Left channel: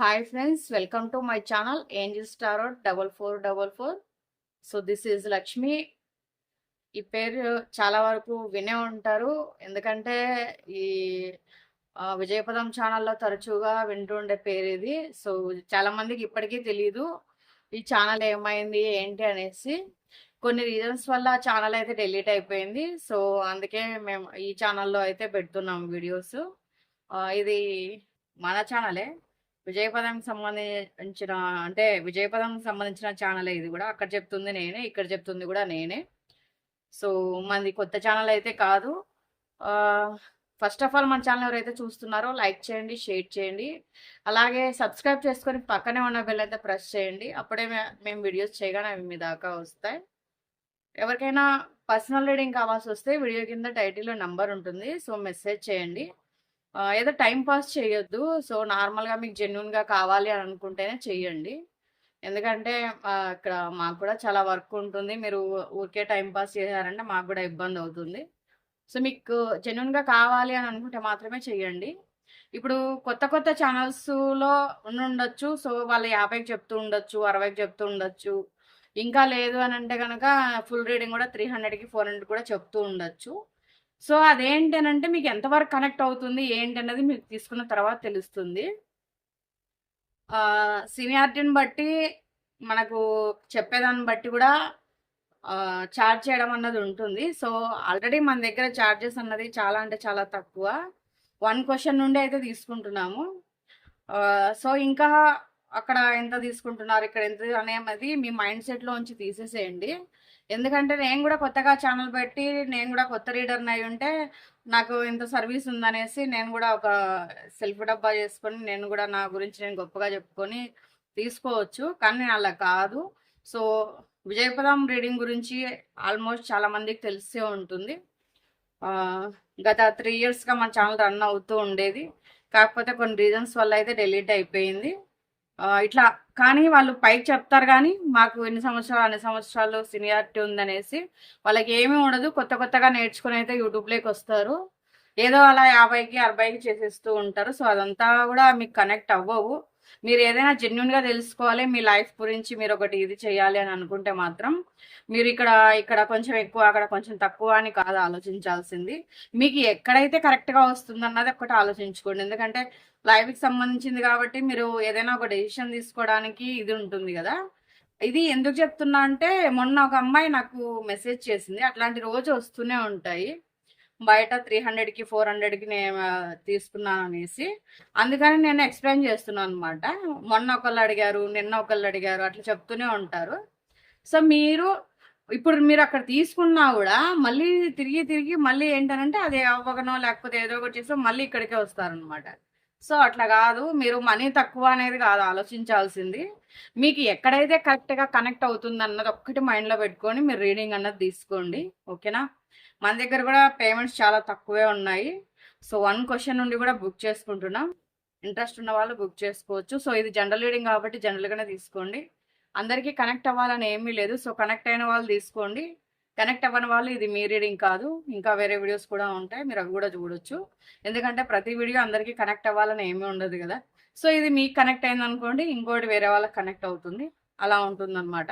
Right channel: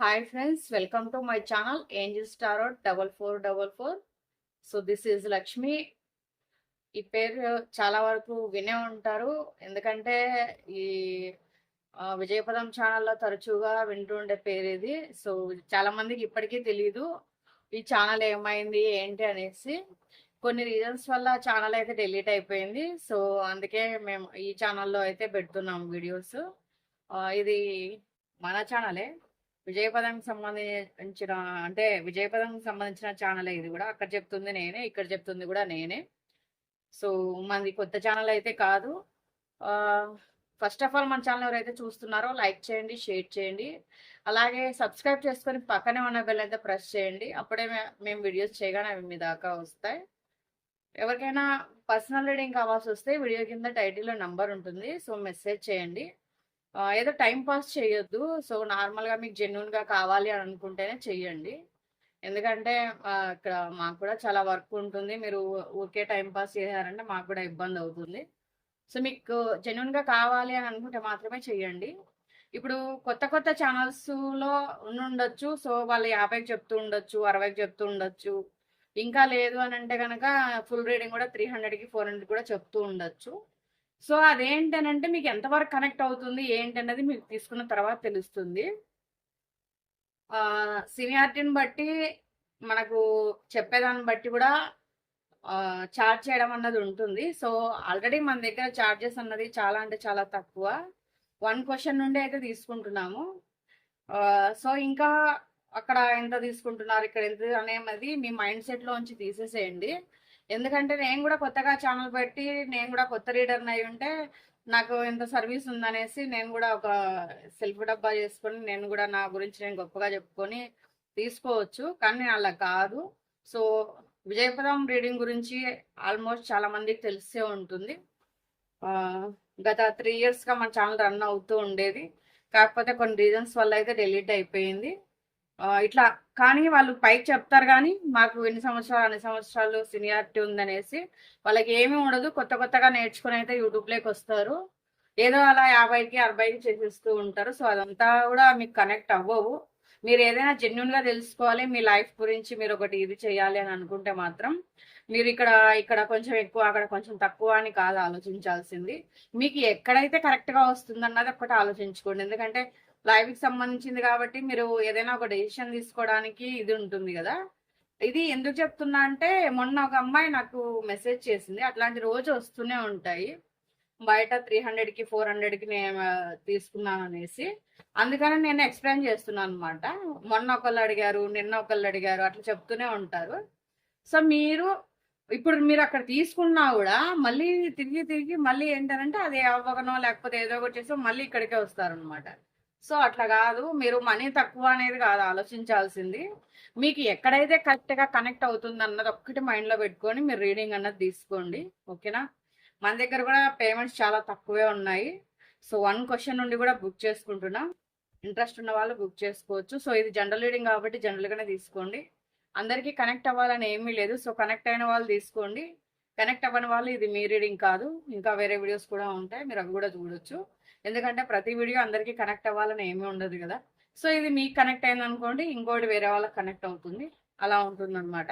Hi friends welcome to my channel angel star double four double four so this is Lakshmi ఈ పేరు చాలా వరకు వినే ఉంటారు. ఎందుకంటే ఈ విజయపదం ఛానల్లో తరచుగా వింటుండే పేరు ఇది. సో చాలామందికి ఇప్పటికీ తెలియదు ఈ ఛానల్ ఏమైంది ఏంటి అనేసి. కొన్ని రీజన్స్ వల్ల ఛానల్ అయితే డిలీట్ అయిపోయింది. సో అందుకే మేము ఈ ఛానల్లో అయితే పెడుతున్నాం వీడియోస్. ఇది మన ఛానలే. విజయపదం సంబంధించిన అంటే విజయపదం సంబంధించిన ఛానల్ ఇది కూడా. అక్కడ చెప్తుంది నేనే ఇక్కడ చెప్తుంది కూడా నేనే. సో మనది కొత్త ఛానల్ అయితే కాదు. ఫస్ట్ ఆఫ్ ఆల్ మన ఛానల్ ఎవరైతే చూస్తున్నారో లైక్ చేయండి షేర్ చేయండి. అలాగే సబ్స్క్రైబ్ చేసుకొని పక్కనే ఉన్న బెల్ అయితే ప్రెస్ చేయండి. అప్పుడే మేము వీడియోస్ చేయగానే అవి మీ దాకా వస్తాయి. ఎవరికైనా పర్సనల్ రీడింగ్ కావాల్సి వస్తే వీడియో కింద టైటిల్లో నంబర్ ఉంటుంది. సో మెసేజ్ చేయండి. ఏదో టైం పాస్ చేయొద్దు. సో నార్మల్గా మీకు జెన్యున్గా కావాలి అని అనుకుంటేనే చెయ్యండి. ఎందుకంటే ఇక్కడ మాకు కూడా చాలా వర్క్ ఉంటుంది. మీరు ఊరికే టైం పాస్ చేశారంటే మాకు కూడా ఇబ్బంది అవుతుంది. సో మీకు జెన్యున్గా కావాలి అని అనుకుంటే మాత్రమే చెయ్యండి. ఇప్పుడు కొత్త కొత్త ఛానల్స్లో ఉండొచ్చు సో వాళ్ళు యాభైకి చెప్తూ ఉండొచ్చు అరవైకి చెప్తూ ఉండొచ్చు. ఇంకా లేదు అని అంటే కనుక ఫుల్ రీడింగ్ కూడా త్రీ హండ్రెడ్కి ఫోర్ హండ్రెడ్ కూడా చెప్తూ ఉండొచ్చు. సో అదేంటనంటే అని అంటే మీకు ఎంతవరకు కనెక్ట్ అవుతుంది ఏంటన్నది మీకు తీసుకున్న తర్వాత తెలుస్తుంది. సీనియారిటీని బట్టి మనకు చెప్పేదాన్ని బట్టి కూడా చార్జ్ చేయడం అన్నది ఉంటుంది. సో ఆల్రెడీ మన దగ్గర చార్జెస్ అన్నది చాలా అంటే చాలా తక్కువ. వన్ క్వశ్చన్ నుండి అయితే తీసుకుంటున్నాము. సో ఇంకా అక్కడ ఎంత తీసుకుంటున్నారు ఇక్కడ ఎంత అనేది మీ మైండ్ సెట్లోంచి తీసేసేయండి. ఎందుకంటే నేను కూడా కొత్తగా ఛానల్ పెట్టి నేను కూడా కొత్త రీడర్ని అయి ఉంటే నాకు ఇంత సర్వీస్ ఉందనేసి నేను కూడా ఒక సెల్ఫ్ డబ్బా చేసుకొని నేను కూడా నా గురించి నేను గొప్పగా చెప్పుకొని తీసుకోవచ్చు. కానీ నేను అలా కాదు. సో విజయపదం రీడింగ్ గురించి ఆల్మోస్ట్ చాలా మందికి తెలిసే ఉంటుంది. గత త్రీ ఇయర్స్గా మన ఛానల్ రన్ అవుతూ ఉండేది. కాకపోతే కొన్ని రీజన్స్ వల్ల అయితే డిలీట్ అయిపోయింది. ఇట్లా కానీ వాళ్ళు పైకి చెప్తారు కానీ మాకు ఎన్ని సంవత్సరాలు అన్ని సంవత్సరాలు సీనియారిటీ ఉందనేసి వాళ్ళకి ఏమీ ఉండదు. కొత్త కొత్తగా నేర్చుకుని అయితే యూట్యూబ్లోకి వస్తారు. ఏదో అలా యాభైకి అరవైకి చేసేస్తూ ఉంటారు. సో అదంతా కూడా మీకు కనెక్ట్ అవ్వవు. మీరు ఏదైనా జెన్యున్గా తెలుసుకోవాలి. మీ లైఫ్ గురించి మీరు ఒకటి ఇది చేయాలి అని అనుకుంటే మాత్రం మీరు ఇక్కడ ఇక్కడ కొంచెం ఎక్కువ అక్కడ కొంచెం తక్కువ అని కాదు ఆలోచించాల్సింది. మీకు ఎక్కడైతే కరెక్ట్గా వస్తుంది అన్నది ఒకటి ఆలోచించుకోండి. ఎందుకంటే లైఫ్కి సంబంధించింది కాబట్టి మీరు ఏదైనా ఒక డెసిషన్ తీసుకోవడానికి ఇది ఉంటుంది కదా. ఇది ఎందుకు చెప్తున్నా అంటే మొన్న ఒక అమ్మాయి నాకు మెసేజ్ చేసింది. అట్లాంటి రోజు వస్తూనే ఉంటాయి. బయట త్రీ హండ్రెడ్కి ఫోర్ హండ్రెడ్కి నేను తీసుకున్నాను అనేసి. అందుకని నేను ఎక్స్ప్లెయిన్ చేస్తున్నాను అనమాట మొన్న ఒకళ్ళు అడిగారు నిన్న ఒకళ్ళు అడిగారు అట్లా చెప్తూనే ఉంటారు. సో మీరు ఇప్పుడు మీరు అక్కడ తీసుకున్నా కూడా మళ్ళీ తిరిగి తిరిగి మళ్ళీ ఏంటంటే అది అవ్వకనో లేకపోతే ఏదో ఒకటి చేసి మళ్ళీ ఇక్కడికే వస్తారనమాట సో అట్లా కాదు. మీరు మనీ తక్కువ అనేది కాదు. ఆలోచించాల్సింది. మీకు ఎక్కడైతే కరెక్ట్గా కనెక్ట్ అవుతుంది అన్నది ఒక్కటి మైండ్లో పెట్టుకొని మీరు రీడింగ్ అన్నది తీసుకోండి. ఓకేనా? మన దగ్గర కూడా పేమెంట్స్ చాలా తక్కువే ఉన్నాయి. సో వన్ క్వశ్చన్ నుండి కూడా బుక్ చేసుకుంటున్నాం. ఇంట్రెస్ట్ ఉన్న వాళ్ళు బుక్ చేసుకోవచ్చు. సో ఇది జనరల్ రీడింగ్ కాబట్టి జనరల్గానే తీసుకోండి. అందరికీ కనెక్ట్ అవ్వాలని ఏమీ లేదు. సో కనెక్ట్ అయిన వాళ్ళు తీసుకోండి. కనెక్ట్ అవ్వని వాళ్ళు ఇది మీ రీడింగ్ కాదు. ఇంకా వేరే వీడియోస్ కూడా ఉంటాయి. మీరు అవి కూడా చూడొచ్చు. ఎందుకంటే ప్రతి వీడియో అందరికీ కనెక్ట్ అవ్వాలని ఏమీ ఉండదు కదా. సో ఇది మీకు కనెక్ట్ అయింది అనుకోండి ఇంకోటి వేరే వాళ్ళకి కనెక్ట్ అవుతుంది. అలా ఉంటుందన్నమాట.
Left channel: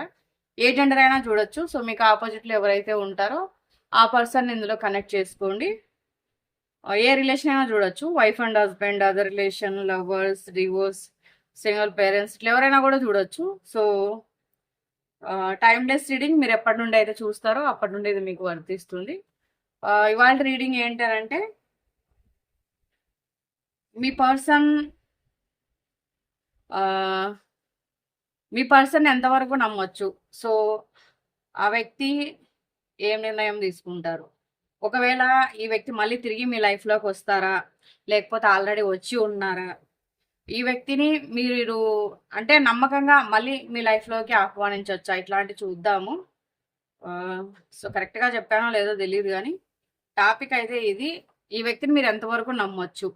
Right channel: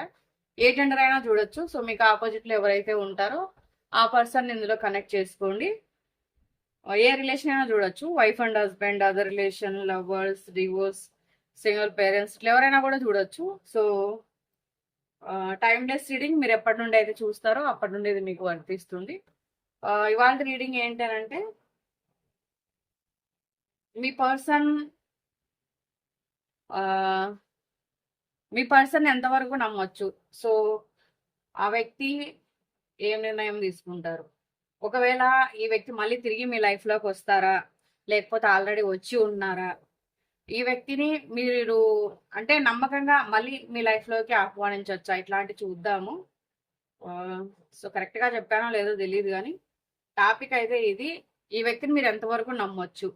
ఏ జెండర్ అయినా చూడొచ్చు. సో మీకు ఆపోజిట్లో ఎవరైతే ఉంటారో ఆ పర్సన్ ఇందులో కనెక్ట్ చేసుకోండి. ఏ రిలేషన్ అయినా చూడొచ్చు. Wife and husband other relation lovers divorce single parents ఇట్లా ఎవరైనా కూడా చూడొచ్చు. సో టైమ్లెస్ రీడింగ్ మీరు ఎప్పటి నుండి అయితే చూస్తారో అప్పటి నుండి ఇది మీకు వర్తిస్తుంది. ఇవాళ రీడింగ్ ఏంటంటే మీ పర్సన్ మీ పర్సన్ ఎంతవరకు నమ్మొచ్చు? సో ఆ వ్యక్తి ఏం నిర్ణయం తీసుకుంటారు? ఒకవేళ ఈ వ్యక్తి మళ్ళీ తిరిగి మీ లైఫ్లోకి వస్తారా? లేకపోతే ఆల్రెడీ వచ్చి ఉన్నారా? ఈ వ్యక్తిని మీరు అంటే నమ్మకంగా మళ్ళీ మీ లైఫ్లోకి ఆహ్వానించవచ్చా ఇట్లాంటి చూద్దాము. సో కరెక్ట్గా చెప్పానో లేదో తెలియదు కానీ టాపిక్ అయితే ఇది. ఈ వ్యక్తిని మీరు ఎంతవరకు నమ్మొచ్చు?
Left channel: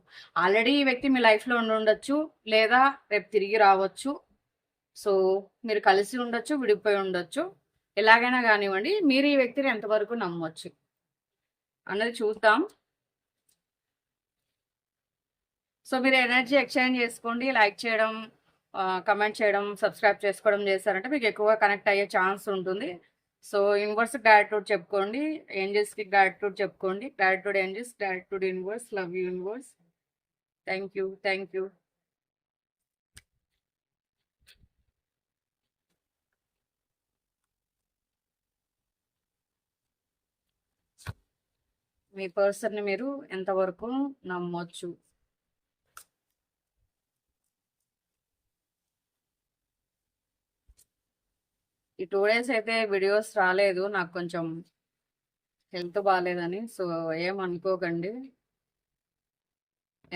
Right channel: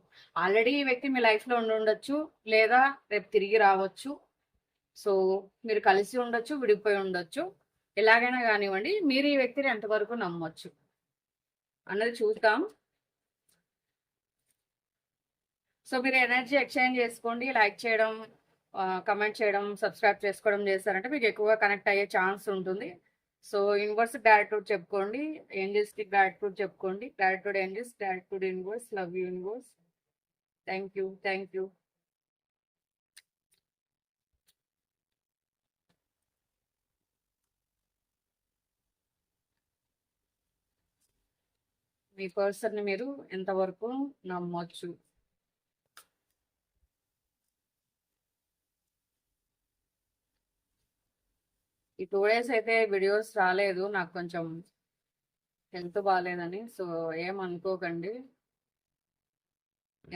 ఆల్రెడీ ఈ వ్యక్తి మీ లైఫ్లో ఉండి ఉండొచ్చు లేదా రేపు తిరిగి రావచ్చు? సో మీరు కలిసి ఉండొచ్చు విడిపోయి ఉండొచ్చు. ఎలాగైనా కానివ్వండి మీరు ఈ వ్యక్తిని ఎంతవరకు నమ్మొచ్చు? అన్నది చూద్దాం. సో మీరు ఎనర్జీ ఎక్స్చేంజ్ చేసుకోండి లైక్ చేయడం కమెంట్ చేయడం సబ్స్క్రైబ్ చేసుకోవడం చేశారంటే మీకు ఎక్కువగా కనెక్ట్ అయ్యే ఛాన్స్ ఉంటుంది. సో యూనివర్స్ గ్రాటిట్యూడ్ చెప్పుకోండి ఏంజల్స్కి గ్రాటిట్యూడ్ చెప్పుకోండి. Gratitude angels gratitude universe love you universe. Thank you thank you. మీ పర్సన్ని మీరు ఎంతవరకు నమ్మొచ్చు? టూ డేస్ అయితే వీడియోస్ రాలేదు. నాకు కొంచెం హెల్త్ బాగాలేదని సో ఏమనుకోకండి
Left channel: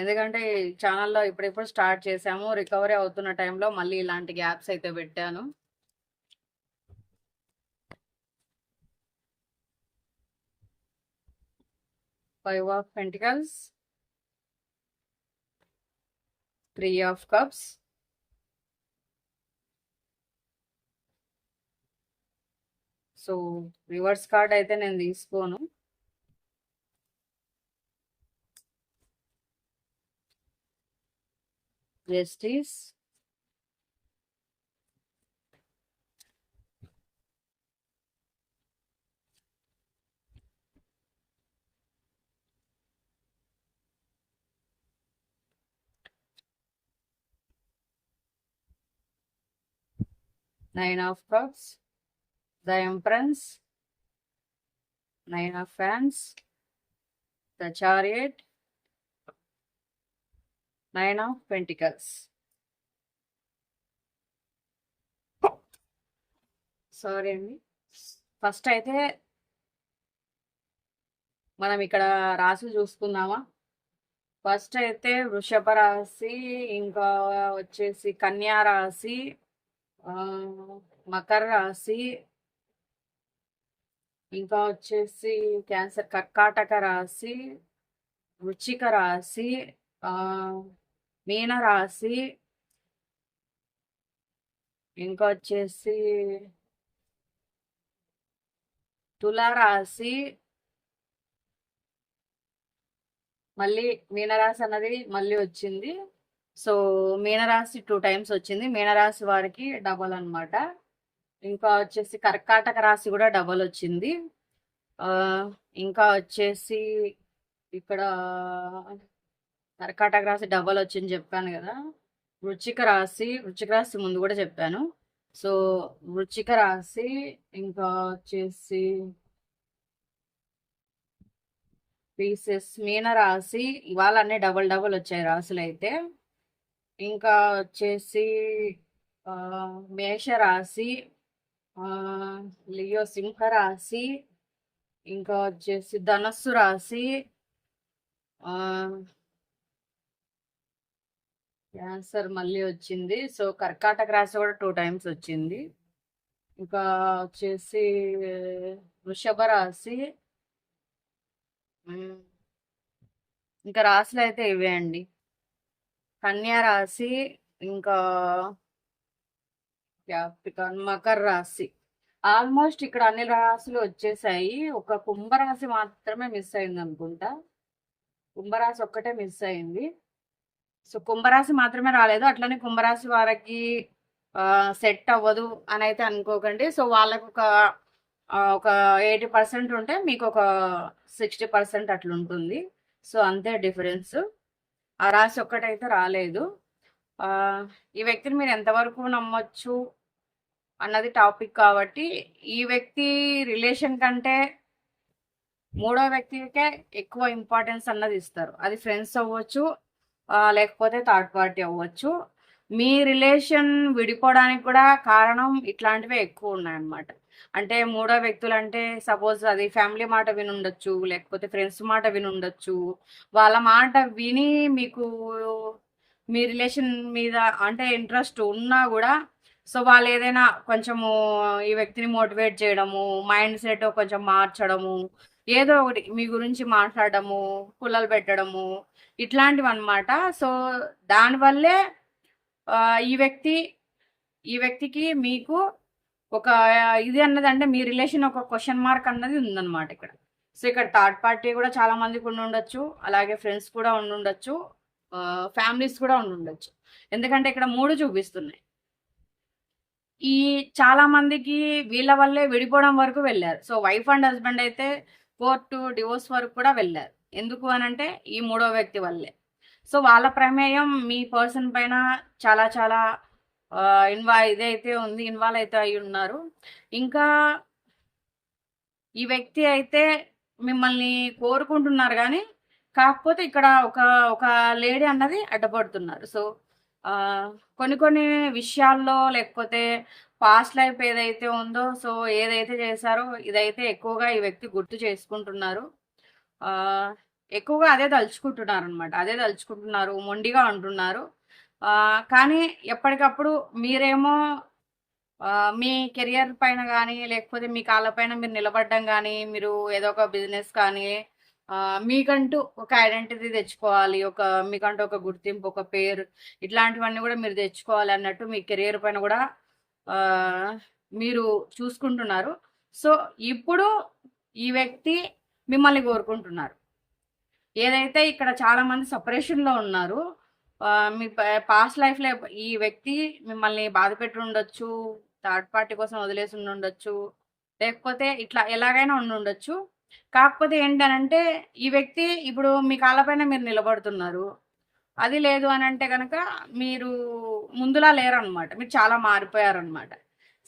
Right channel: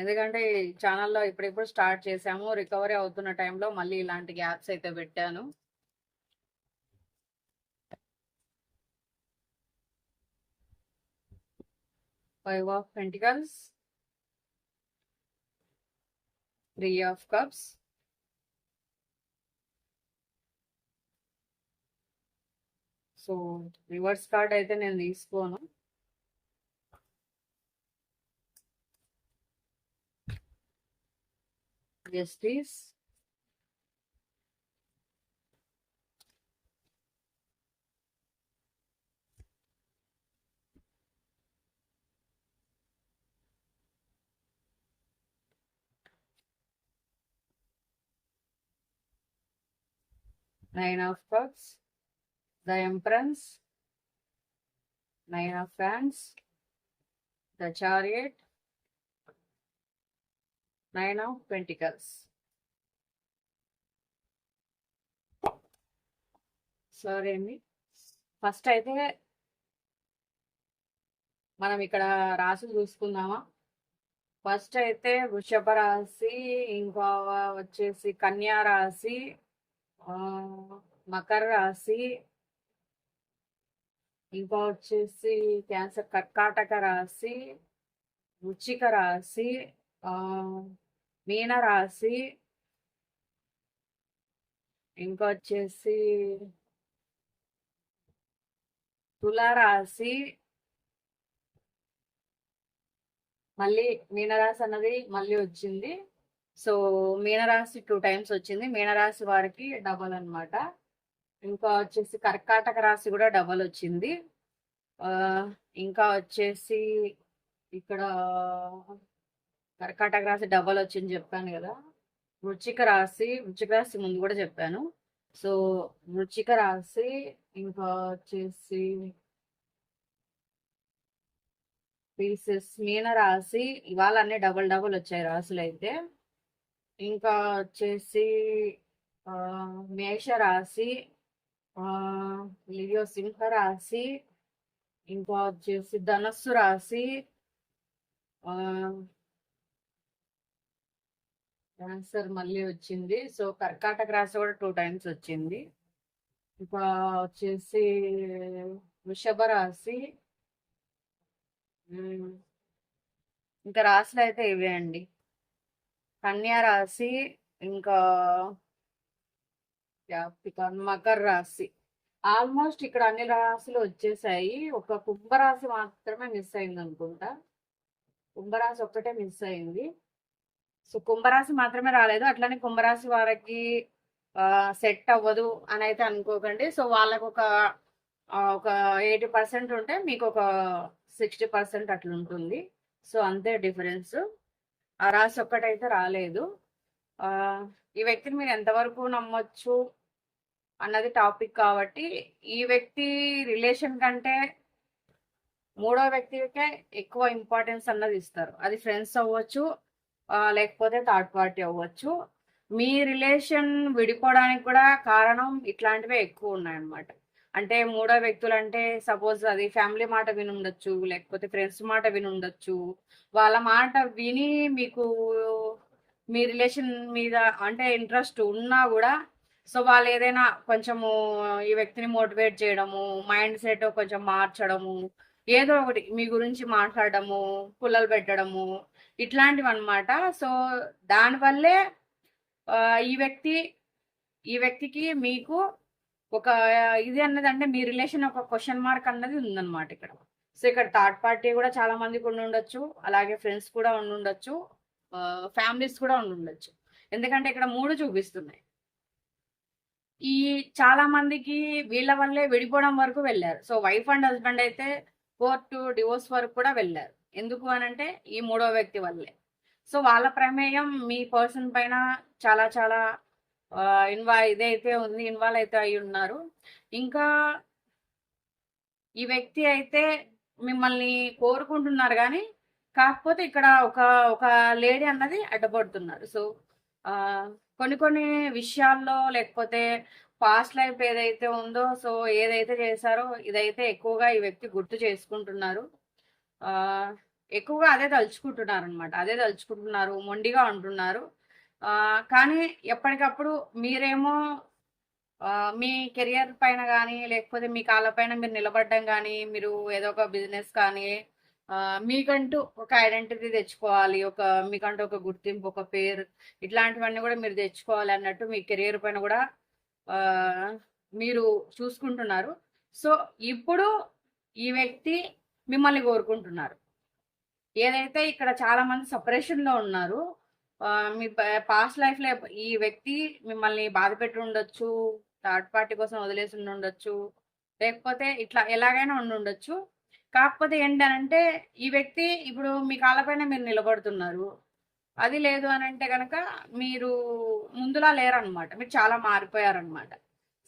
ఎందుకంటే ఈ ఛానల్లో ఇప్పుడిప్పుడు స్టార్ట్ చేశాము. రికవరీ అవుతున్న టైంలో మళ్ళీ ఇలాంటి గ్యాప్స్ అయితే పెట్టాను. Five of pentacles three of cups. So reverse card అయితే నేను తీసుకోను. Justice nine of cups. The empress nine of fans the chariot nine of pentacles sorry అండి. ఫస్ట్ అయితే మనం ఇక్కడ రాసి చూసుకుందామా? ఫస్ట్ అయితే వృషభ రాశి ఇంకా వచ్చేసి కన్యా రాశి మకర రాశి ఇంకా వచ్చేసి క్యాన్సర్ కర్కాటక రాశి వృచ్చిక రాశి మీన రాశి ఇంకా వచ్చేసి తులారాశి మళ్ళీ మీనరాశి అన్నది మళ్ళీ వచ్చింది. సో మీనరాశి టూ టైమ్స్ వచ్చింది. మీనరాశి వారికి డబల్ అనమాట ఇంకా వచ్చేసి కర్కాటక రాశి కూడా డబల్ వచ్చింది. ఇంకా వచ్చేసి ఇక్కడ కర్కాటక రాశి డబల్ వచ్చింది చెప్పాను కదా. వృచ్చిక రాశి వృచ్చిక రాశి ముందు కూడా చెప్పాను. సో వృచ్చిక రాశి ఇంకా వచ్చేసి పీసెస్ మీన రాశి ఇవాళ అన్నీ డబల్ డబల్ వచ్చాయి రాశులు అయితే. ఇంకా వచ్చేసి మేష రాశి లియో సింహ రాశి ఇంకా వచ్చేసి ధనస్సు రాశి ah, క్యాన్సర్ మళ్ళీ వచ్చింది. సో కర్కాటక రాశి కూడా టూ టైమ్స్ వచ్చింది. ఇంకా వచ్చేసి వృషభ రాశి ఇంకా రాశులు అయితే ఇవే అండి. కన్యా రాశి ఇంకా వ్యాపిక మకర రాశి. ఆల్మోస్ట్ ఇక్కడ అన్ని రాశులు వచ్చేసాయి. ఒక కుంభరాశి మాత్రమే మిస్ అయింది అనుకుంటా. కుంభరాశి ఒక్కటే మిస్ అయింది. సో కుంభరాశి మాత్రమే రాలేదు. అట్లనే కుంభరాశి వారికి సెట్ అవ్వదు అని అయితే అనుకోకండి. సో వాళ్ళకు ఒక ఒక ఎయిటీ పర్సెంట్ ఉంటే మీకు ఒక సిక్స్టీ పర్సెంట్ అట్లుంటుంది. సో అంతే డిఫరెన్స్. ఆ రాశి ఒక్కటైతే రాలేదు. ఈ వ్యక్తిని మీరు ఎంతవరకు నమ్మొచ్చు అన్నది టాపిక్ కాబట్టి ఈ వ్యక్తి రిలేషన్ కంటే మూడో వ్యక్తికే ఎక్కువ ఇంపార్టెన్స్ అన్నది ఇస్తారు. అది ఫ్రెండ్స్ అవ్వచ్చు లేకపోతే థర్డ్ పార్టీ అవ్వచ్చు. మీ రిలేషన్ విడిపోవడానికి కూడా కారణం ఇట్లాంటివే ఎక్కువ ఉన్నాయన్నమాట. అంటే మూడో వ్యక్తులు అంటే సపోజ్ అది ఫ్యామిలీ మాట వినుండొచ్చు లేకపోతే ఫ్రెండ్స్ మాట వినుండొచ్చు. వాళ్ళ మాట విని మీకు మీ రిలేషన్ మీద అంటే ఇంట్రెస్ట్ ఉన్నా కూడా సో వాళ్ళు ఏదైనా కొంచెము ఈ వ్యక్తిని మోటివేట్ చేయడము మైండ్ సెట్ కొంచెం మార్చడము ఏదో ఒకటి మీ గురించి మాట్లాడడము పుల్లలు పెట్టడము ఇట్లాంటివి అనమాట సో దానివల్లే ఈ వ్యక్తి ఈ వ్యక్తికి మీకు ఒక ఇది అన్నది అంటే మీ రిలేషన్ ఒక క్వశ్చన్ మార్క్ అన్నది ఉందన్నమాట ఇక్కడ. సో ఇక్కడ థర్డ్ పార్టీ కూడా చాలా మందికి ఉండి ఉండొచ్చు అలాగే ఫ్రెండ్స్ కూడా ఉండి ఉండొచ్చు ఫ్యామిలీస్ కూడా ఉండొచ్చు. ఎందుకంటే ఇక్కడ మూడు చూపిస్తున్నాయి. ఈ చాలా మందికి వీళ్ళ వల్లే విడిపోవడం వరకు వెళ్ళారు. సో వైఫ్ అండ్ హస్బెండ్ అయితే కోర్టు డివోర్స్ వరకు కూడా వెళ్ళారు. ఎందుకు అని అంటే ఈ మూడో వ్యక్తి వల్లే. సో వాళ్ళ ప్రమేయం మీ పర్సన్ పైన చాలా చాలా ఇన్వా ఇదైతే ఉంది ఇన్వాల్వ్ అయితే అయి ఉన్నారు. ఇంకా ఈ వ్యక్తి అయితే మిమ్మల్ని కోరుకుంటున్నారు కానీ కాకపోతే ఇక్కడ ఒక ఒక లేడీ అన్నది అడ్డపడుతున్నారు. సో కొన్ని కొన్ని విషయాల్లో లేకపోతే పాస్ట్ లైఫ్ ఏదైతే ఉందో సో ఏదైతే చేశారో ఇదైతే ఎక్కువగా ఈ వ్యక్తి గుర్తు చేసుకుంటున్నారు. ఎక్కువగా అదే తలుచుకుంటున్నారు అనమాట అదే తలుచుకుంటున్నారు మొండిగా ఉంటున్నారు కానీ ఎప్పటికప్పుడు మీరేమో మీ కెరియర్ పైన కానీ లేకపోతే మీ కాళ్ళ పైన మీరు నిలబడడం కానీ మీరు ఏదో ఒక బిజినెస్ కానీ మీకంటూ ఒక ఐడెంటిటీ తెచ్చుకోవాలి ఒక మీకంటూ ఒక గుర్తింపు ఒక పేరు ఇట్లాంటివన్నీ కూడా మీరు తెచ్చుకోవాలి అన్నట్టు మీ కెరియర్ పైన కూడా మీరు చూసుకుంటున్నారు. సో ఇప్పుడు ఈ వ్యక్తి మిమ్మల్ని కోరుకుంటున్నారు. ఏదైతే ఇక్కడ చాలా మంది సపరేషన్లో ఉన్నారు మీ పాస్ట్ లైఫ్లో ఈ వ్యక్తి మిమ్మల్ని బాధ పెట్టి ఉండొచ్చు థర్డ్ పార్టీ కోసం వదిలేసి ఉండొచ్చు లేకపోతే ఇట్లా ఎలాగైనా ఉండి ఉండొచ్చు కాకపోతే ఏంటనంటే ఈ వ్యక్తి ఇప్పుడు మీ కాళ్ళపైన మీరు నిలబడుతున్నారు. అది లేదు అని అంటే కనుక మీరు ముందులా లేరనమాట. మీరు చాలా మారిపోయారనమాట.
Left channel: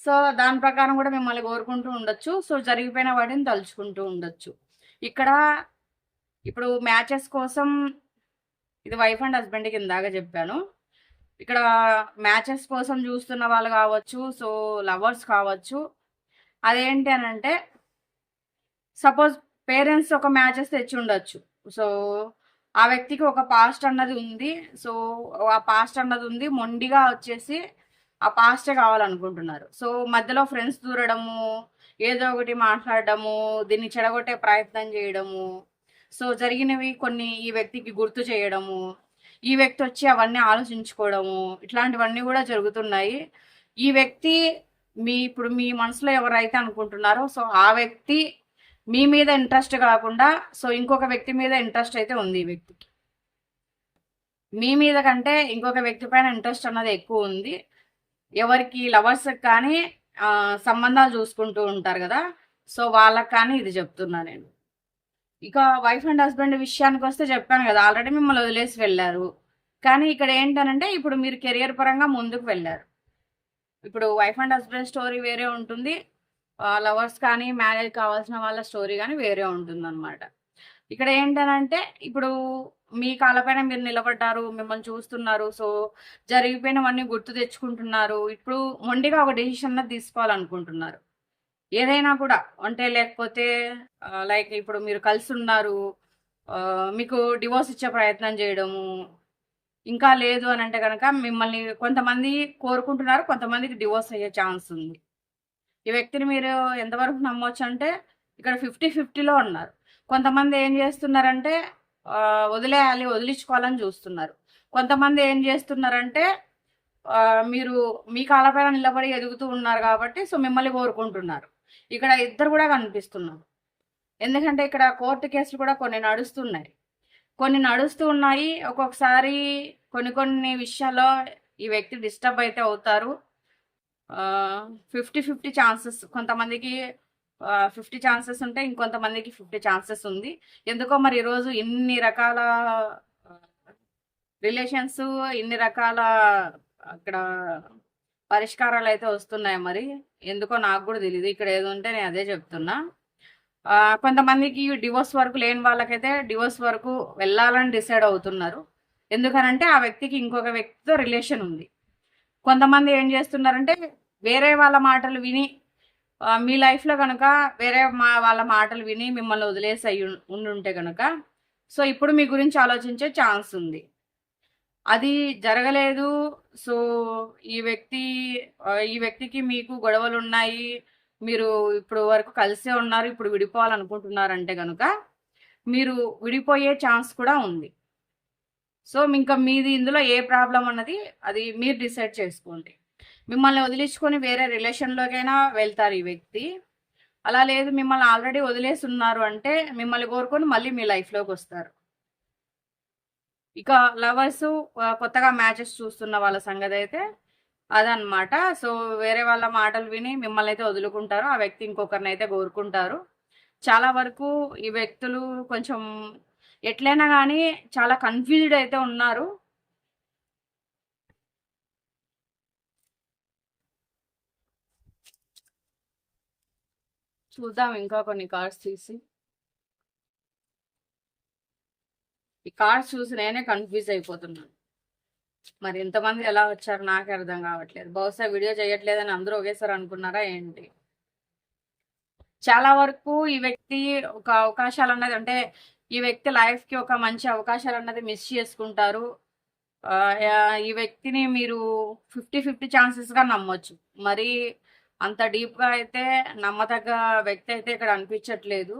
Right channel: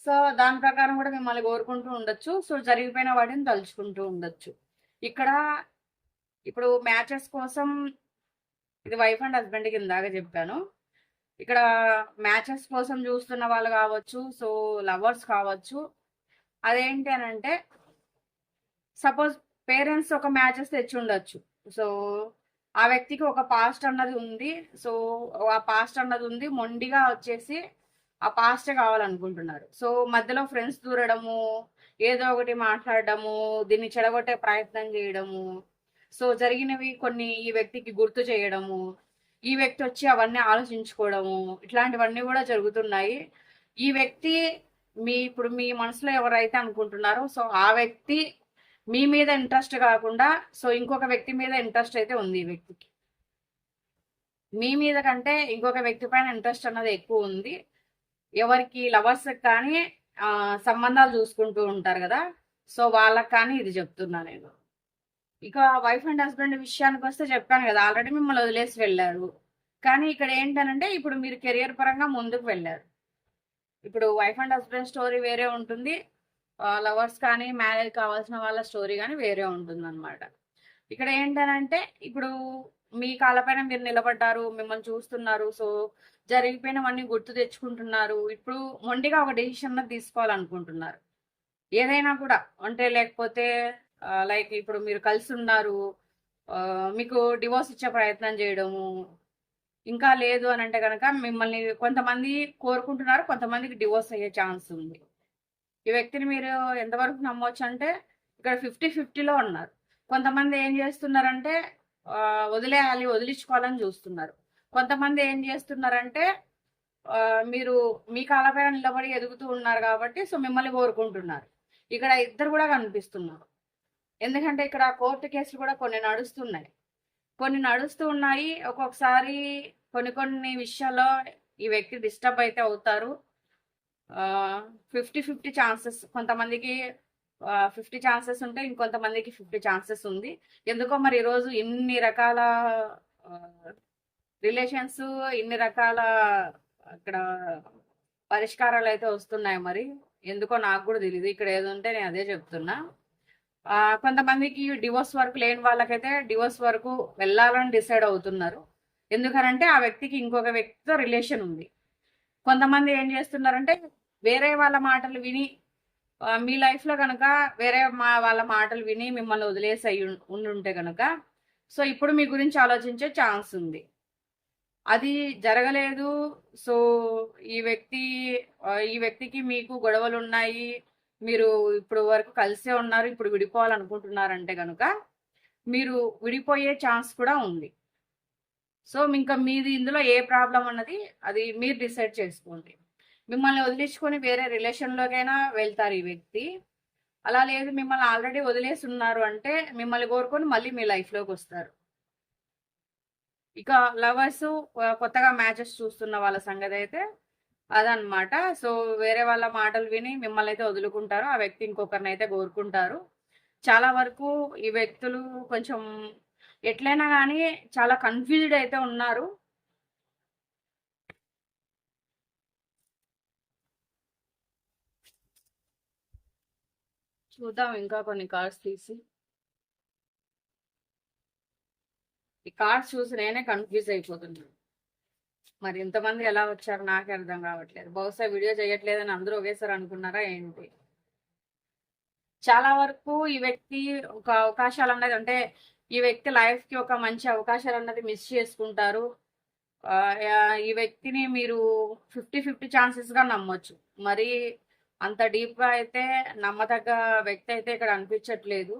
సో దాని ప్రకారం కూడా మిమ్మల్ని కోరుకుంటూ ఉండొచ్చు. సో జరిగిపోయిన వాటిని తలుచుకుంటూ ఉండొచ్చు. ఇక్కడ ఇప్పుడు మ్యాచెస్ కోసం ఇది వైఫ్ అండ్ హస్బెండ్కి ఇందాక చెప్పాను. ఇక్కడ మ్యాచెస్ కోసం చూస్తున్న వాళ్ళు కావచ్చు సో లవర్స్ కావచ్చు. అదేంటి అని అంటే సపోజ్ పేరెంట్స్ ఒక మ్యాచెస్ తెచ్చి ఉండొచ్చు సో ఆ వ్యక్తికి ఒక పాస్ట్ అన్నది ఉంది. సో ఆ పాస్ట్ అన్నది ఉంది. మొండిగా వచ్చేసి ఆ పాస్టే కావాలనుకుంటున్నారు. సో మధ్యలో ఫ్రెండ్స్ దూరడము ఏదో ఒకటి మాట్లాడడము దీన్ని చెడగొట్టే ప్రయత్నం చేయడము. సో జరిగినవి కొన్ని ఈ వ్యక్తికి గుర్తు చేయడము ఈ వ్యక్తి వచ్చి అవన్నీ ఆలోచించుకోవడము ఇట్లాంటివన్నీ కూడా జరుగుతున్నాయి. ఈ వ్యక్తి మీ ఇప్పుడు మీ మనసులో ఎవరైతే అనుకుంటున్నారో సో ఆ వ్యక్తి మీ మీద ఇంట్రెస్ట్ కాకుండా సో ఇంకొక వ్యక్తి మీద ఇంట్రెస్ట్ అయితే ఉంది ఈ వ్యక్తికి. మీ మీద కంటే ఇంకొక వ్యక్తి పైన ఇంట్రెస్ట్ అన్నది ఎక్కువ ఉంది. ఎవరికి లవర్స్ కానీ సంబంధాలు చూసుకుంటూ ఉంటారు కదా సో వాళ్ళకి కానీ ఇది చెప్తున్నా నేను. ఇక వైఫ్ అండ్ హస్బెండ్ విషయానికి వస్తే చెప్పాను కదా ఆల్రెడీ మిమ్మల్ని వదిలేసి వెళ్ళారు. కానీ ఇక్కడ ఏంటనంటే ఇప్పుడు మీరు కెరియర్ పరంగా ముందుకు వెళ్ళారు. ఇప్పుడు వైఫ్ అండ్ హస్బెండ్ స్టోరీ వేరే ఉంటుంది. లవర్స్ కానీ మ్యారేజ్ కావాల్సిన వాళ్ళ స్టోరీ కానీ వేరే ఉంటుందన్నమాట. ఇక్కడ ఏంటనంటే ఇప్పుడు మీ కాళ్ళపైన మీరు నిలబడ్డారు మిమ్మల్ని చూస్తున్నారు సో జరిగిపోయినవన్నీ గుర్తు తెచ్చుకుంటున్నారు. ఇప్పుడు మొండిగా ఒక డెసిషన్ తీసుకోవాలనుకుంటున్నారు. ఏదైనా కూడా అంటే లేకపోతే లైక్ ఇప్పుడు మీరు కలిసి ఉన్నారు మీకు డివోర్స్ ఇచ్చే ప్రయత్నం చేయడము ఇంకా లేదు అని అంటే కనుక మిమ్మల్ని కొంతమంది కోరుకుంటున్నారు కొంతమందికి డివోర్స్ అయ్యే ఛాన్స్ ఉంది. ఈ వ్యక్తిని మీరు ఎంతవరకు నమ్మవచ్చు అంటే ఇక్కడ ఫిఫ్టీ ఫిఫ్టీలో ఉన్నారు. కొంతమంది ఏం చేస్తున్నారంటే వదిలేయాలి వదిలించుకోవాలని చూస్తున్నారు. కొంతమంది ఏం చేస్తున్నారంటే మీరు మీ కాలపైన నిలబడి ఎదుగుతూ ఉన్నారు కాబట్టి సో మిమ్మల్ని కోరుకుంటున్నారు. ఇక్కడ ఇద్దరు కూడా కనిపిస్తున్నారు. ఎందుకంటే ఇక్కడ కోర్టు కేసులు కూడా కొన్ని నడుస్తున్నాయి. కొన్ని నడుస్తూ ఉన్నాయి. ఒక్కొక్కసారి కొన్ని కొన్ని విషయాల్లో ఈ వ్యక్తి డిస్టర్బ్ అయితే అవుతారు. ఫిఫ్టీ ఫిఫ్టీ ఛాన్సెస్ కొంతమందికి ఫిఫ్టీ ఛాన్సెస్ ఉంటే ఇంకొంతమందికి ఫిఫ్టీ ఛాన్సెస్ ఉంది. ఎందుకో మరి ఈరోజు ఇన్ని రకాల రిలేషన్స్ ఇన్ని రకాల అక్కడ పరిష్కారాలు అయితే వస్తున్నాయి మరి. ఎందుకో నాకు కూడా తెలియదు ఇక్కడ ఏదో ఉంటే నేను అదే చెప్తున్నా. కొంతమందికి డివోర్స్ వరకు లేని వాళ్ళకైతే డివోర్స్ వరకు వెళ్ళాలని డిసైడ్ అవుతున్నారు. ఎందుకనంటే ఆ వ్యక్తికి ఇంకొక వ్యక్తితో రిలేషన్ ఉంది. కొంతమంది ఏం చేస్తున్నారంటే వేరే వాళ్ళ మాటలు విని మీ లైఫ్లో కనుక వేరే మా వాళ్ళ మాటలు విని మిమ్మల్ని వదిలేసి అయి ఉండుంటే కనుక సో ఇప్పుడు మీ గురించి ఆలోచించే ఛాన్స్ ఉంది. అది జరగలేదు. సో ఈ వ్యక్తి ఈ వ్యక్తికి మీకు గొడవలు ఉన్నాయి మీరు ఇప్పుడు వరకు కలిసే ఉన్నారు ఇప్పుడు విడిపోవాలనుకుంటున్నారంటే కనుక మీరు విడిపోయే ఛాన్స్ కూడా ఉంది. సో ఇంకా మీది ఇందులో ఏ ప్రాబ్లం అన్నది అది మీరు డిసైడ్ చేసుకోండి. మిమ్మల్ని వదిలించుకొని వేరే రిలేషన్లోకైనా వెళ్తారు ఈ వ్యక్తి. అలా లేదు మిమ్మల్ని ఆల్రెడీ వదిలేసి ఉన్నారు అంటే మిమ్మల్ని కోరుకొని మళ్ళీ మీ లైఫ్లోకి వస్తారు. ఇక లవర్స్ కొత్తగా మ్యాచెస్ చూస్తున్న వాళ్ళ సంగతి అయితే అదనమాట సో వేరే వాళ్ళ మాటలు విని మిమ్మల్ని అయితే వదులుకుంటారు ఆ వ్యక్తి ఇంకొకరిని అయితే కోరుకుంటారు. చాలా వరకు ఈ వ్యక్తులు కొంచెం ఎట్లయినా కానీ చాలా కన్ఫ్యూజ్డ్ అయితే ఉన్నారు. చూద్దాం ఇంకా కొన్ని కార్డ్స్ తీసి. ఈ కార్డ్స్ చూసి నేనే కన్ఫ్యూజ్ అయిపోతున్నాను మరి ఇంతమంది ఎలా వచ్చారు నాకు అర్థం కావట్లేదు. బహుశా వీడియో చేయట్లేదని అందరూ ఒకేసారి అనుకున్నారా ఏంటి? చాలా వరకు ఈ వ్యక్తి ఒక అవకాశాలు ఉన్నది. అంటే ఈ వ్యక్తి లైఫ్కి ఒక మంచి అవకాశాలు అన్నది మిస్ చేసుకుంటారు. ఈ వ్యక్తిని మీరు ఫిఫ్టీ ఫిఫ్టీ ఛాన్సెస్గా నమ్మొచ్చు. మరి అంత డీప్గా అయితే నమ్మదగ్గ వ్యక్తి అయితే ఇక్కడ అనిపించట్లేదు.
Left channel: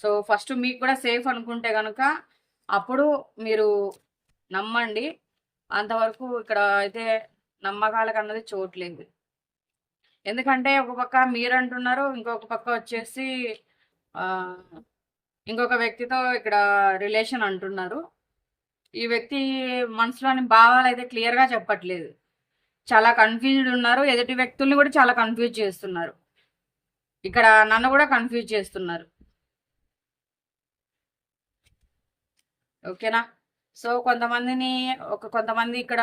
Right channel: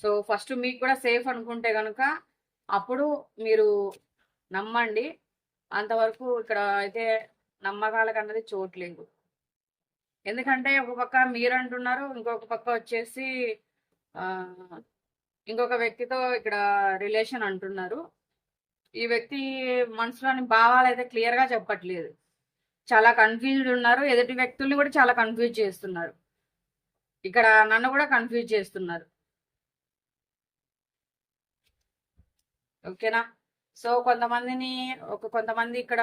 సో ఫస్ట్ మీకు కూడా సేఫ్ అనుకుంటే కనుక అప్పుడు మీరు నమ్మండి. అంతవరకు ఇక్కడ అయితే నమ్మకాలకు అన్నది చోట్లేదు ఎందుకంటే ఒక పక్క మీరు అంటున్నారు ఇంకొక పక్క వచ్చేసి ఇంకొక వ్యక్తితో ఇక్కడ రిలేషన్ అంటున్నారు. ఈ వ్యక్తి మనసులోని భావాలు అయితే క్లియర్గా చెప్పట్లేదు. చాలా కన్ఫ్యూజ్డ్ ఉన్నారు. ఎదుటి వ్యక్తుల్ని కూడా చాలా కన్ఫ్యూజ్ చేస్తున్నారు. ఇక్కడ నన్ను కూడా కన్ఫ్యూజ్ చేస్తున్నారు. ఓకేనా? సో కొంతమందిని ఒక కొంతమంది ఇక్కడ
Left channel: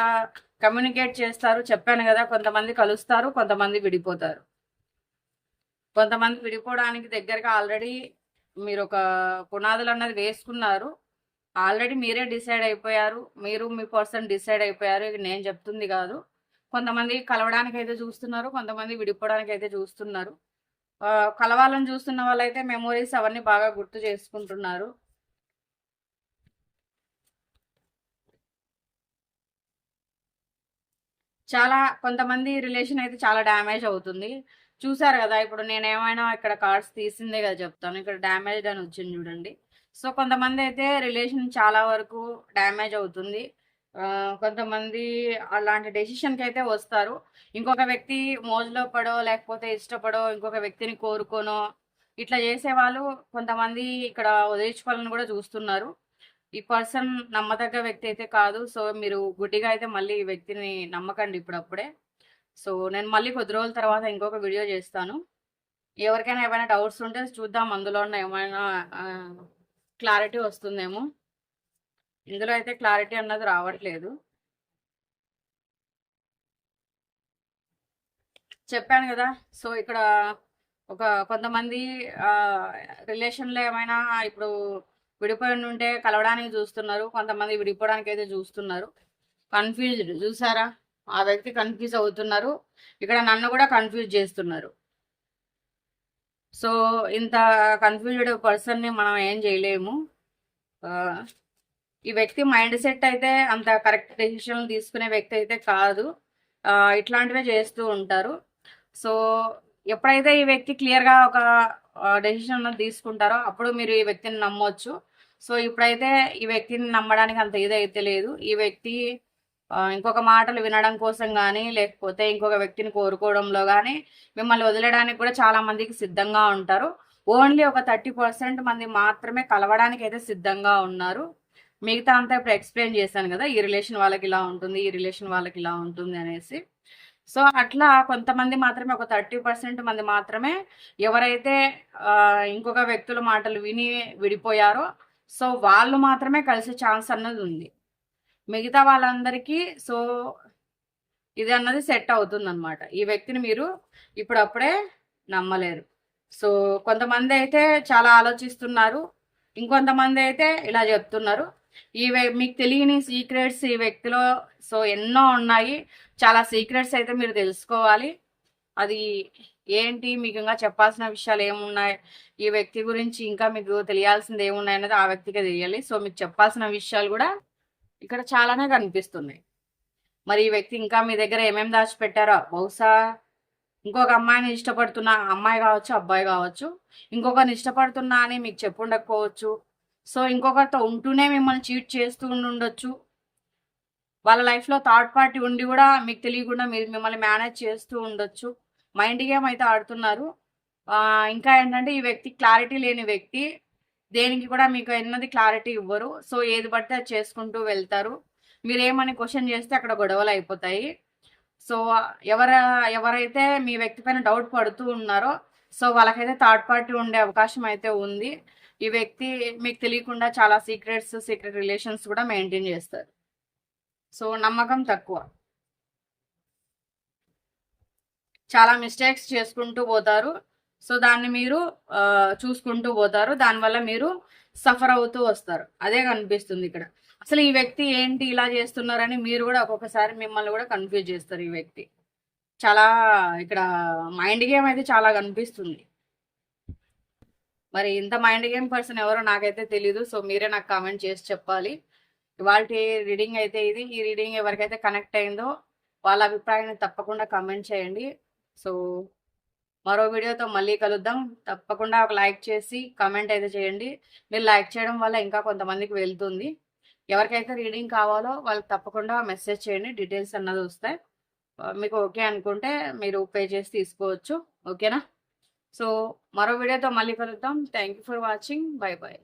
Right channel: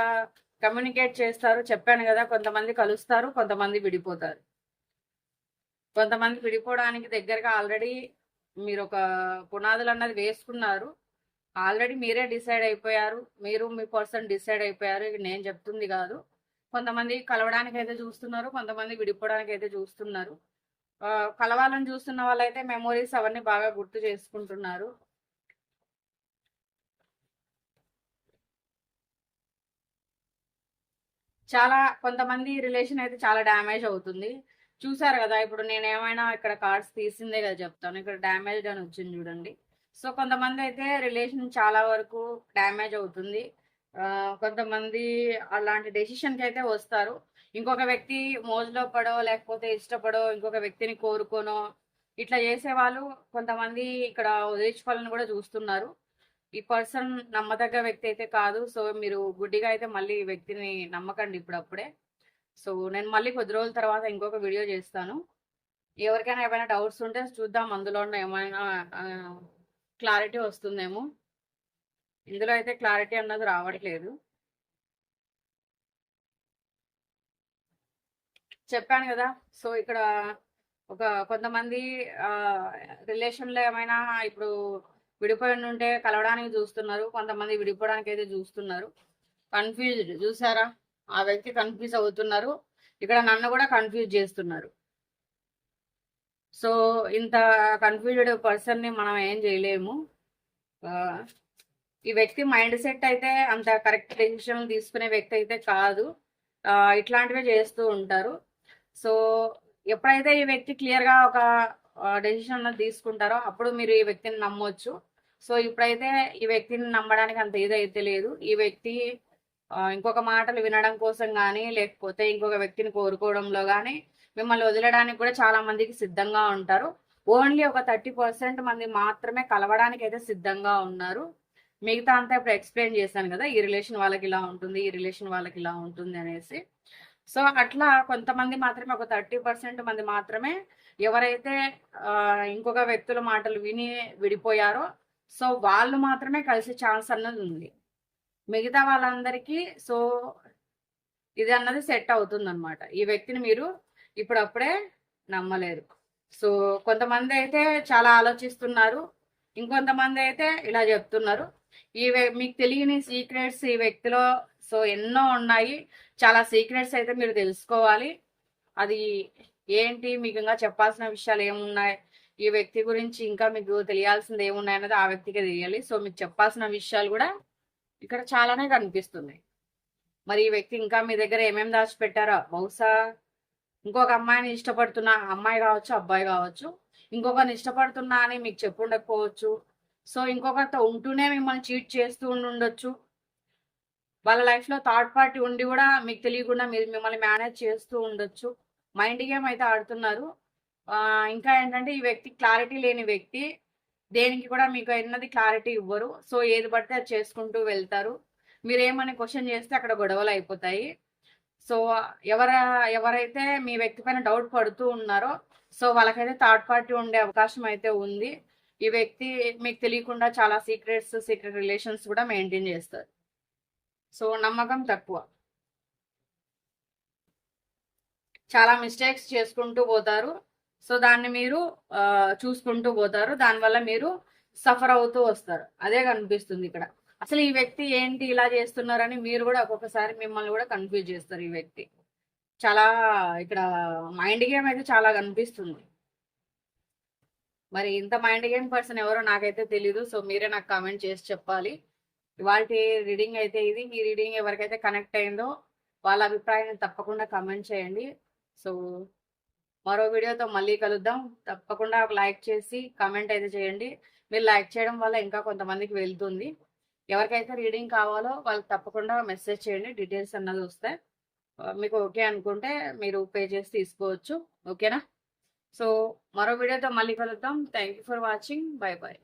కమ్యూనికేట్ చేస్తారు. చెప్పాను కదా కొంతమంది కలుస్తారు కొంతమంది విడిపోతారు. కొంతమంది విడిపోవడానికి దగ్గరగా ఆల్రెడీ మీరు ఒక పునాదులు అన్నది వేసుకున్నారు. ఆల్రెడీ మీరే డిసైడ్ అయిపోయారు. మీరు మీ పర్సన్ డిసైడ్ అయిపోయారు. నేను చెప్తుంది కాదు. కొంతమంది కలవడానికి అయితే చూస్తున్నారు కొంతమంది విడిపోవడానికి అయితే చూస్తున్నారు కలవాలని చూస్తున్న వాళ్ళైతే మెమోరీస్ అవన్నీ బాగా గుర్తు చేసుకుంటున్నారు. చాలా కొంతమంది రిలేషన్ అయితే చాలా డ్యామేజ్ అవుతుంది. చూసారు కదా ఇప్పుడు నేను ఏమైనా ఇక్కడ కార్డ్స్ తీసిందే కదా చెప్తాను. ఇక్కడ డ్యామేజ్ అని వచ్చింది చూడండి. సో కొంతమంది అయితే రిలేషన్ చాలా వరకు డ్యామేజ్ అవుతుంది. కొంతమంది అలాంటి డెసిషన్కి అయితే వస్తారు. ఇంకొక వ్యక్తి మోజులో పడో లేకపోతే ఇష్టపడో ఇంకొక వ్యక్తిని కోరుకోనో ఇట్లా చేసే వాళ్ళు కొంతమంది ఇక్కడ వదిలించుకోవాలని కూడా చూస్తున్నారు. ఈ పర్సన్ నమ్మదగ్గ వ్యక్తి అయితే కాదు. సో మీరు గుడ్డిగా అయితే మళ్ళీ ఈ వ్యక్తిని నమ్మకండి ఇప్పుడప్పుడే. సో నేను మళ్ళీ కొద్ది రోజుల తర్వాత ఇంకొక వీడియో చేస్తాను. ఎవరికైనా ఏమైనా డౌట్స్ ఉంటే చూద్దాం. అందులో ఉన్న ఏమైనా క్లారిటీ వస్తుందేమో. ఇందులో అయితే క్లారిటీ అన్నది రావట్లేదు. చెప్పాను కదా సో ఇక్కడ ఒక కొంతమంది రిలేషన్లో ఏమైనా ఇప్పుడు విడిపోయి ఉంటే కలవడానికి చూస్తున్నారు కొంతమంది విడిపోవడానికి అయితే చూస్తున్నారు. కన్ఫ్యూజ్డ్ చూసారా? ఆ వ్యక్తి కన్ఫ్యూజ్ అవుతున్నారు. ఇక్కడ నన్ను కూడా కన్ఫ్యూజ్ చేస్తున్నారు. సో ఇంత కన్ఫ్యూజ్డ్ పర్సన్ని మనం ఏం చేయలేము. ఈ వ్యక్తి మైండ్ సెట్ అయితే అంత కరెక్ట్ డెసిషన్ తీసుకునే వ్యక్తి అయితే కాదు. ఇట్లాంటివే చేస్తూ ఉంటారు. సో ఎప్పుడైతే ఈ వ్యక్తి క్లియర్గా ఒక డెసిషన్ తీసుకుంటారో అప్పుడు మీరు ఈ వ్యక్తిని నమ్మొచ్చు. సో ఇప్పుడైతే ఈ వ్యక్తిని నమ్మడానికి అంత ఇదైతే లేదు. ఈ వ్యక్తి ఇంకొక మాటలు వినడం కోసం కానీ లేకపోతే ఇంకొక వ్యక్తిని కోరుకోవడంలో కానీ మిమ్మల్ని వదిలేయడానికి కూడా చాలా మందికి సిద్ధంగా ఉంటారు. ఓన్లీ ఒక థర్టీ పర్సెంట్ మంది మాత్రమే కలవడానికి అయితే సిద్ధంగా ఉన్నారు. మిగతా అంతా ఇప్పుడు ఎక్స్ప్లెయిన్ చేశాను కదా ఈ రిలేషన్ వాళ్ళకి ఇలా ఉంటుంది ఈ రిలేషన్ వాళ్ళకి ఇలా ఉంటుంది అనేసి. సో అట్లా కొంతమంది మాత్రమే ఒక థర్టీ పర్సెంట్ మంది మాత్రమే ఎవరైతే ఇంకొక వ్యక్తుల మాటలు విని విడిపోయారో సో వాళ్ళు మాత్రమే కలిసే ఛాన్స్ అన్నది ఉంది. మిగతా వాళ్ళందరికీ సో ఇది అన్నది సెట్ అవుతుంది అనమాట ఈ వ్యక్తిని మీరు ఇప్పుడప్పుడే నమ్మలేరు. సో కొంతమంది అయితే చాలా ఆలోచిస్తున్నారు ఇంకొంతమంది అయితే ఇలా చెప్తున్నారు. ఈ మీకు తెలియని సీక్రెట్స్ ఈ వ్యక్తిలో సో ఎన్నో ఉన్నాయి. చాలా సీక్రెట్స్ అయితే మీరు తెలుసుకోవాలి. అది ఏంటి? మీకు ఇంకా చెప్పాల్సిన విషయాలు ఏమున్నాయి? ఈ వ్యక్తి గురించి ఇంకా మీకు తెలియాల్సింది ఏమున్నాయి అనేది ఆ వ్యక్తికి తెలియాలి. సో మీకు చెప్పాల్సిన విషయాలు కూడా ఇక్కడ చాలానే కనిపిస్తుంది మరి ఈ వ్యక్తి ఇంకా మీ దగ్గర ఏమేమి దాచిపెట్టారో? బహుశా ఇంకొక అమ్మాయిని ఇష్టపడుతున్న అమ్మాయి కావచ్చు అబ్బాయి కావచ్చు. ఇంకొకరిని ఇష్టపడుతున్నా అని మీకు చెప్పుండకపోవచ్చు. సో ఇంకొకరితో ఉంటూనే మిమ్మల్ని చీట్ చేస్తూ ఉండి ఉండొచ్చు వాళ్ళ లైఫ్లో థర్డ్ పార్టీ ఉండి కూడా మీకు తెలియకుండా మీరు మిమ్మల్ని మేనేజ్ చేస్తూ ఉండొచ్చు. మైండ్ గేమ్ అయితే ఆడుతున్నారు. ఇంకా ఏంటంటే ఈ వ్యక్తి క్లారిటీ లేని వ్యక్తి దేనికి కూడా మీకు ఎన్నది క్లారిటీ ఇవ్వరు. సో ఏది పడితే అది చేసుకుంటూ వెళ్తారు. మీరేమని క్వశ్చన్ చేస్తే అక్కడ గొడవలు అయిపోతాయి. సో ఎవర ఎవరైతే మీ వ్యక్తి పైన డౌట్ పడుతూ ఉన్నారో సో వాళ్ళకైతే థర్డ్ పార్టీ ఉండే అవకాశం అయితే ఉంది. ఈ వ్యక్తి మీకు తెలియకుండా చాలా సీక్రెట్స్ సీక్రెట్ రిలేషన్స్ కూడా మెయింటైన్ చేస్తారు. సో నమ్మకం తక్కువ. చాలా మిస్టేక్స్ చేసుకుంటూ పోతారు. సో దాన్ని మీరు చూసుకుంటూ పోతారు. దానివల్ల మీరు సఫర్ అవుతూ వస్తారు. అదే కనిపిస్తుంది ఇక్కడ. అసలు ఈ వ్యక్తి ఏంటి ఇలా చేస్తున్నారని మీరు కూడా ఒక్కొక్కసారి మిమ్మల్ని కూడా కన్ఫ్యూజ్ చేస్తారు ఈ వ్యక్తి. చాలా ఇక్కడ మైండ్ గేమ్ అయితే చాలా కనిపిస్తుంది. మరి ఇంత మైండ్ గేమ్ పర్సన్ ఎవరో నాకైతే తెలీదు సో మీరే నాకు కామెంట్ చేసి చెప్పాలి. ఇవాళ రీడింగ్ అయితే ఇది ఈ రీడింగ్ ఎవరికైతే కనెక్ట్ అయిందో వాళ్ళ అభిప్రాయాన్ని తప్పకుండా కామెంట్ చేయండి. సో మరో వీడియోతో మళ్ళీ కలుద్దాం. తప్పకుండా ఒక లైక్ చేసి కామెంట్ అయితే చేయండి. మీరు లైక్ చేయడం వల్ల ఇంకా కొంతమందికి వెళ్తుంది. ఎవరికైతే రీడింగ్ కావాలో వాళ్ళకి తప్పకుండా మెసేజ్ చేయండి. డీటెయిల్స్ అన్నది వస్తాయి. మీకు ఓకే అనుకుంటే మీరు పే చేసి తీసుకోవచ్చు. ఓకేనా? సో మరో వీడియోతో మళ్ళీ కలుద్దాం. Thank you for watching bye bye